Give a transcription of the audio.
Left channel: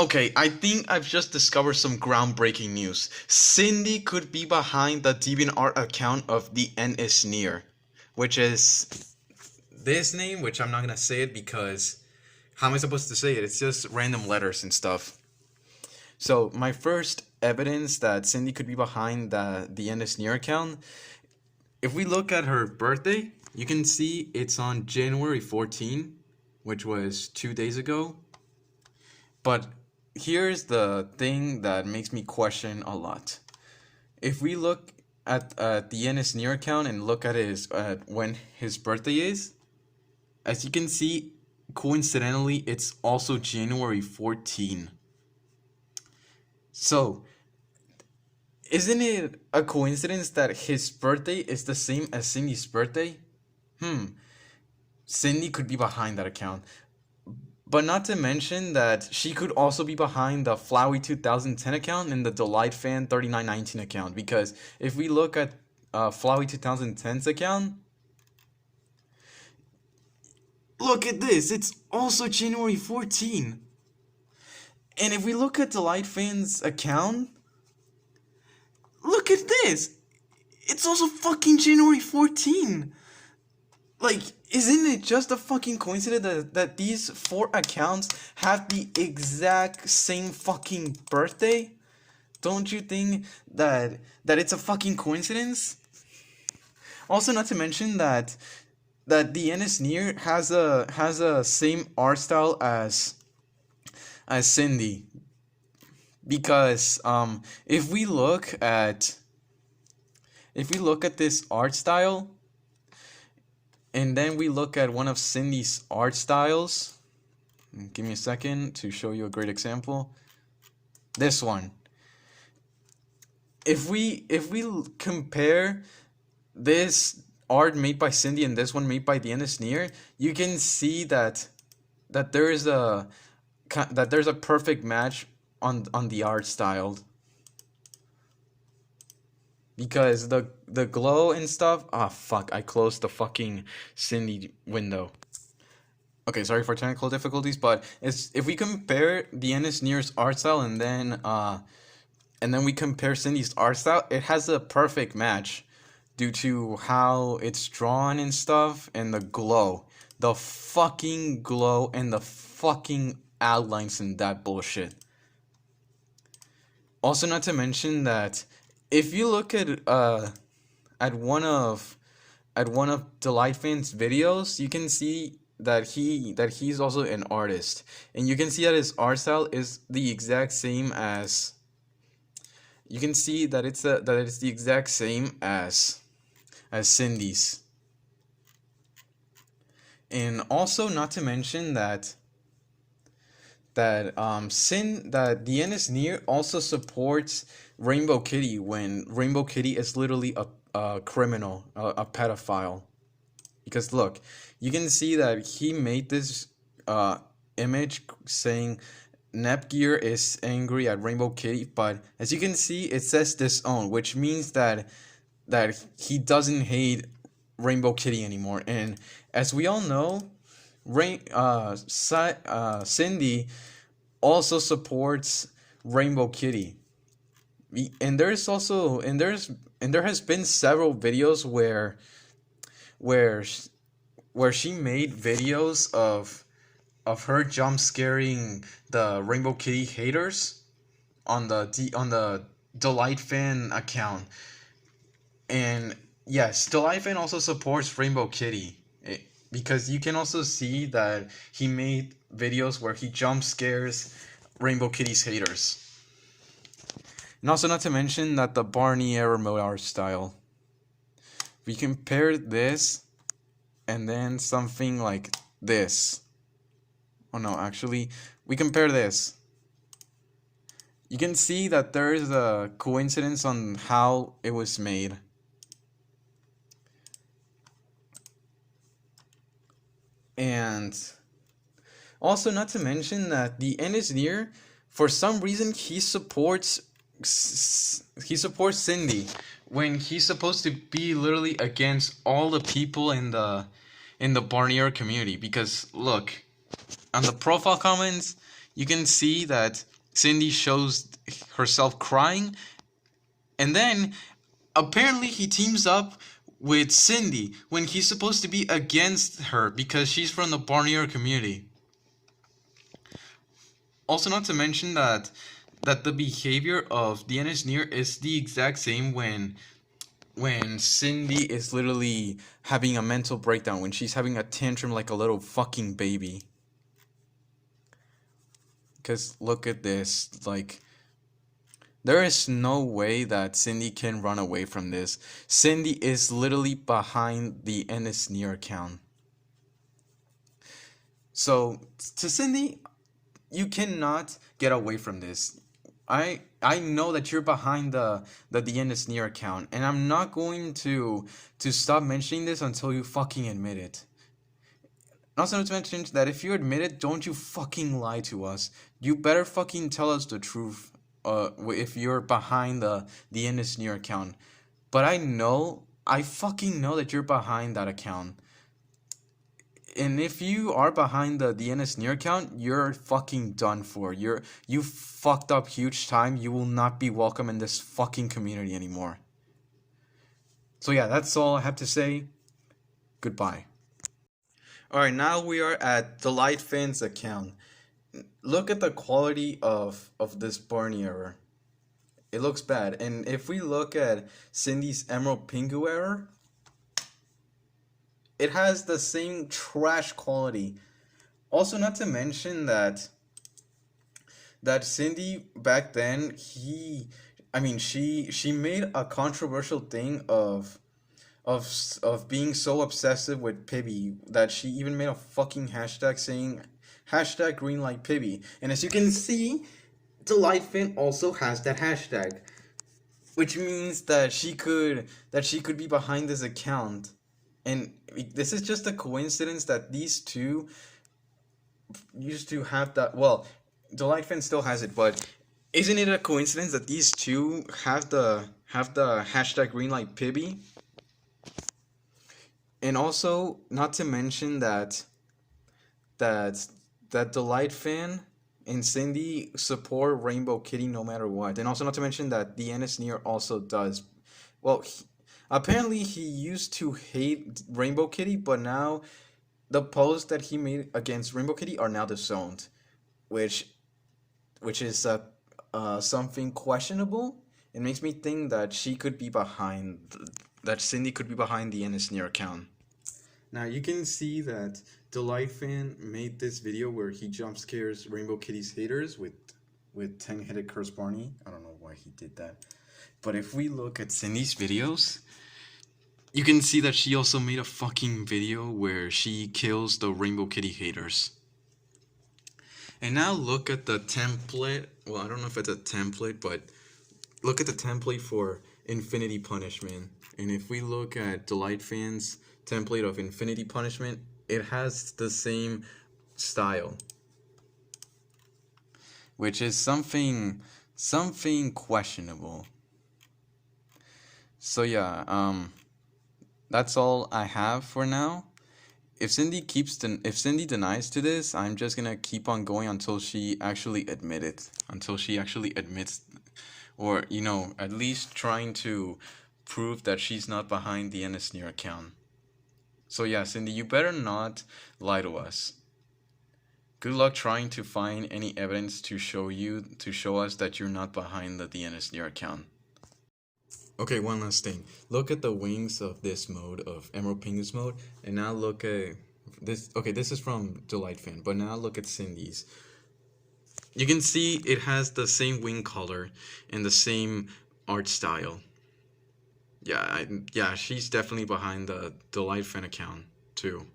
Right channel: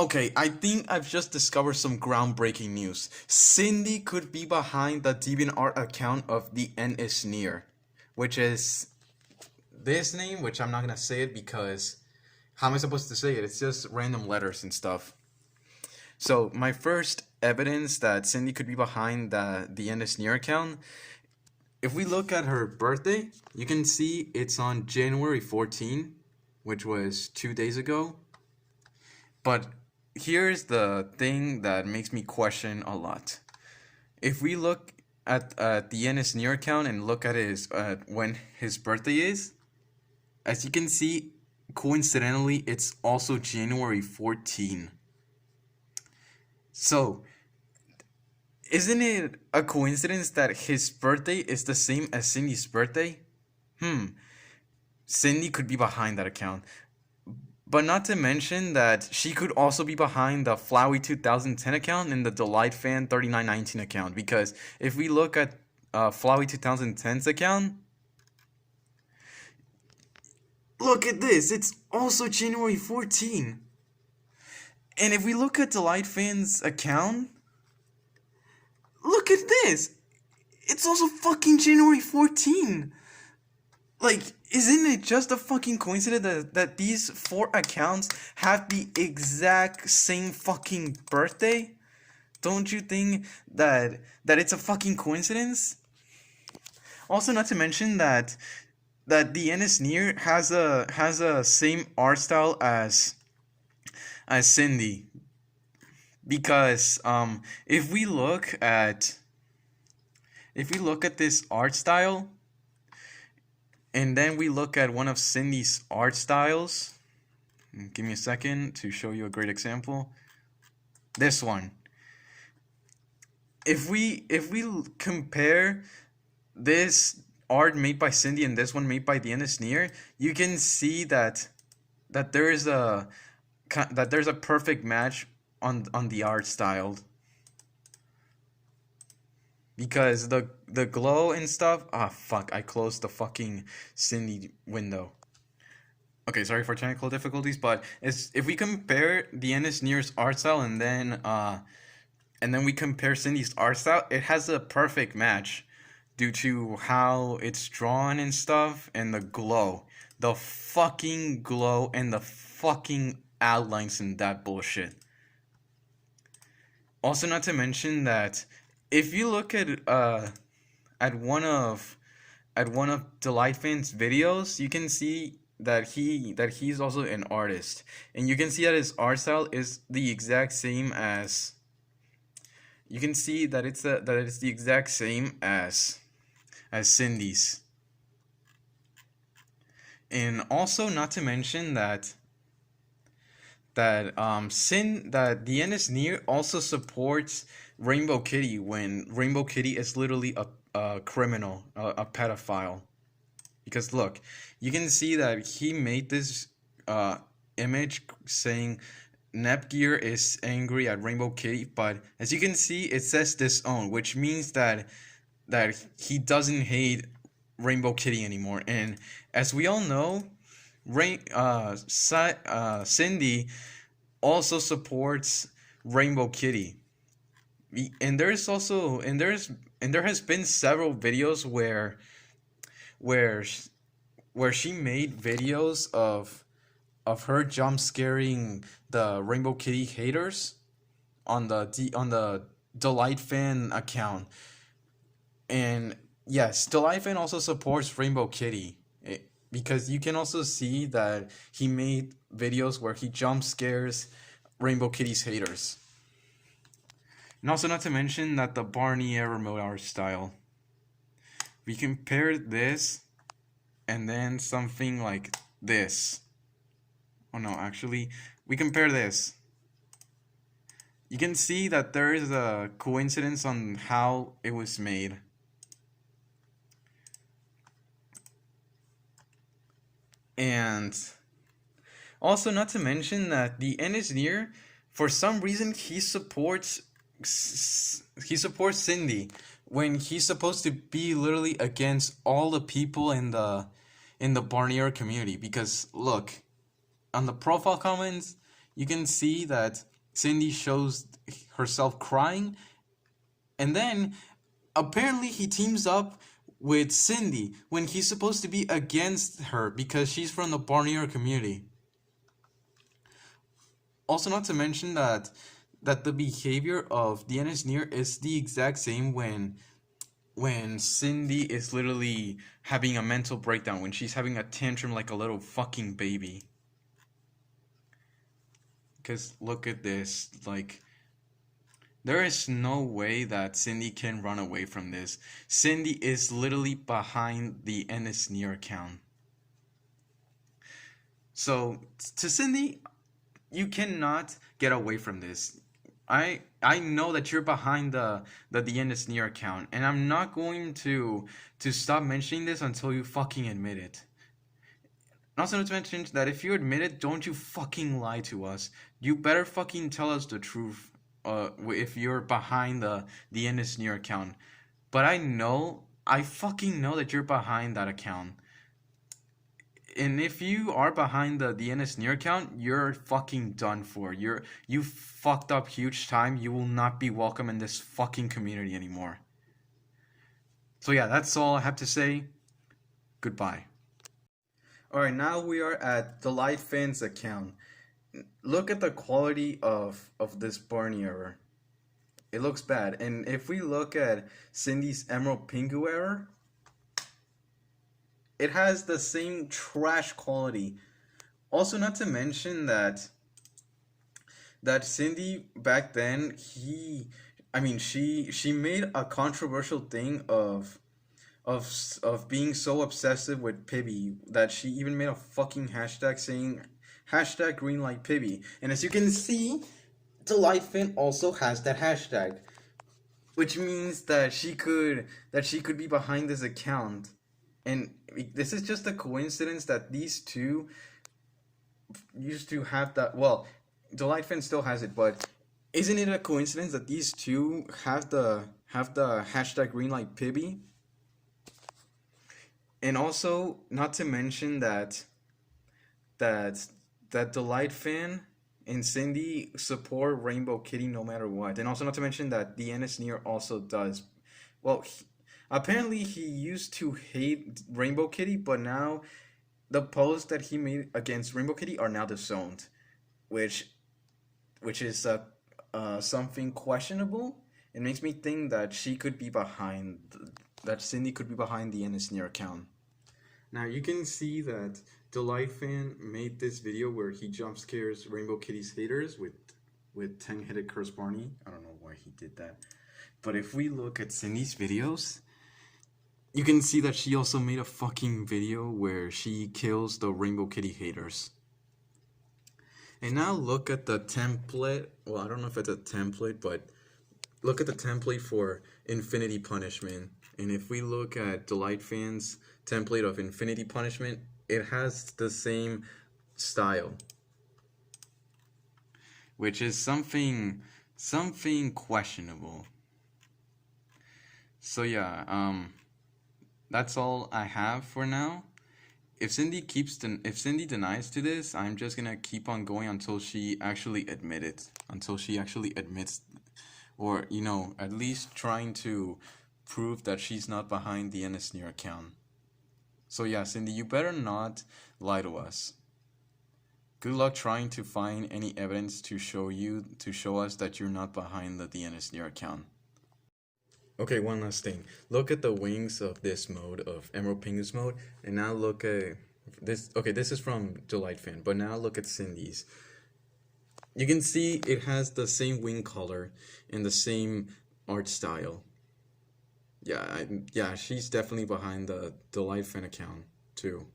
Okay, I think I've just discovered some groundbreaking news. Cyndie could be behind the DeviantArt account of The End Is Near, which is this name, which I'm not gonna say it because how am I supposed to say it? It's just random letters and stuff. So my first evidence that Cyndie could be behind the End Is Near account, if we look at her birthday, you can see it's on January 14, which was 2 days ago. But here's the thing that makes me question a lot. If we look at the End Is Near account and look at his when his birthday is, as you can see, coincidentally, it's also January 14. So, isn't it a coincidence that his birthday is the same as Cyndie's birthday? Cyndie could be behind that account. But not to mention that she could also be behind the Flowey 2010 account and the DelightFan 3919 account. Because if we look at Flowey 2010's account, look at this, it's also January 14. And if we look at DelightFan's account, look at this, it's also fucking January 14. Like, isn't it just a fucking coincidence that these 4 accounts have the exact same fucking birthday? Don't you think that it's a fucking coincidence? Also, not to mention that the End Is Near has a same art style as Cyndie, because if we look at this art style, and then we look at one of Cyndie's art styles. Give me a second to show you a great example. This one. If we compare this art made by Cyndie and this one made by the End Is Near, you can see that there's a perfect match on the art style. Because the glow and stuff. Ah, fuck! I closed the fucking Cyndie window. Okay, sorry for technical difficulties, but if we compare the End Is Near's art style and then we compare Cyndie's art style, it has a perfect match due to how it's drawn and stuff and the glow, the fucking glow and the fucking outlines and that bullshit. Also, not to mention that if you look at one of DelightFan's videos, you can see that he's also an artist, and you can see that his art style is the exact same as. You can see that it's the exact same as Cyndie's, and also not to mention that the End Is Near also supports Rainbow Kitty when Rainbow Kitty is literally a criminal, a pedophile. Because look, you can see that he made this image saying Nepgear is angry at Rainbow Kitty, but as you can see, it says disown, which means that he doesn't hate Rainbow Kitty anymore. And as we all know, Cyndie also supports Rainbow Kitty. And there has been several videos where she made videos of her jump scaring the Rainbow Kitty haters on the DelightFan account. And yes, DelightFan also supports Rainbow Kitty, because you can also see that he made videos where he jump scares Rainbow Kitty's haters. And also not to mention that the Barney era mode art style. We compare this and then something like this. Oh no, actually, we compare this. You can see that there is a coincidence on how it was made. And also not to mention that the End Is Near, for some reason, he supports Cyndie when he's supposed to be literally against all the people in the Barnier community. Because look, on the profile comments, you can see that Cyndie shows herself crying, and then apparently he teams up with Cyndie when he's supposed to be against her because she's from the Barnier community. Also, not to mention that the behavior of the Near is the exact same when Cyndie is literally having a mental breakdown, when she's having a tantrum like a little fucking baby. Because look at this, like, there is no way that Cyndie can run away from this. Cyndie is literally behind the Near account. So, to Cyndie, you cannot get away from this. I know that you're behind the Near account, and I'm not going to stop mentioning this until you fucking admit it. Also, not to mention that if you admit it, don't you fucking lie to us. You better fucking tell us the truth. If you're behind the Near account, but I fucking know that you're behind that account. And if you are behind the Near account, you're fucking done for. You fucked up huge time. You will not be welcome in this fucking community anymore. So yeah, that's all I have to say. Goodbye. Alright, now we are at DelightFan's account. Look at the quality of this Barney error. It looks bad. And if we look at Cyndie's Emerald Pingu error, it has the same trash quality. Also, not to mention that Cyndie back then, she made a controversial thing of being so obsessive with Pibby that she even made a fucking hashtag saying #GreenlightPibby. And as you can see, DelightFan also has that hashtag, which means that she could be behind this account. And this is just a coincidence that these two used to have that. Well, DelightFan still has it, but isn't it a coincidence that these two have the hashtag #GreenlightPibby? And also, not to mention that DelightFan and Cyndie support Rainbow Kitty no matter what. And also, not to mention that the Near also does. Well, apparently he used to hate Rainbow Kitty, but now the posts that he made against Rainbow Kitty are now disowned, which is something questionable. It makes me think that she could be behind, that Cyndie could be behind the Near account. Now you can see that DelightFan made this video where he jump scares Rainbow Kitty's haters with 10-headed Curse Barney. I don't know why he did that. But if we look at Cyndie's videos, you can see that she also made a fucking video where she kills the Rainbow Kitty haters. And now look at the template. Well, I don't know if it's a template, but look at the template for Infinity Punishment. And if we look at DelightFan's template of Infinity Punishment, it has the same style, which is something questionable. So yeah, that's all I have for now. If Cyndie denies to this, I'm just gonna keep on going until she actually admits, or at least trying to prove that she's not behind the Near account. So yeah, Cyndie, you better not lie to us. Good luck trying to find any evidence to show us that you're not behind the Near account. Okay, one last thing. Look at the wings of this mode, of Emerald Pingu's mode, and now look at this. Okay, this is from DelightFan, but now look at Cyndie's. You can see it has the same wing color and the same art style. Yeah, she's definitely behind the DelightFan account too.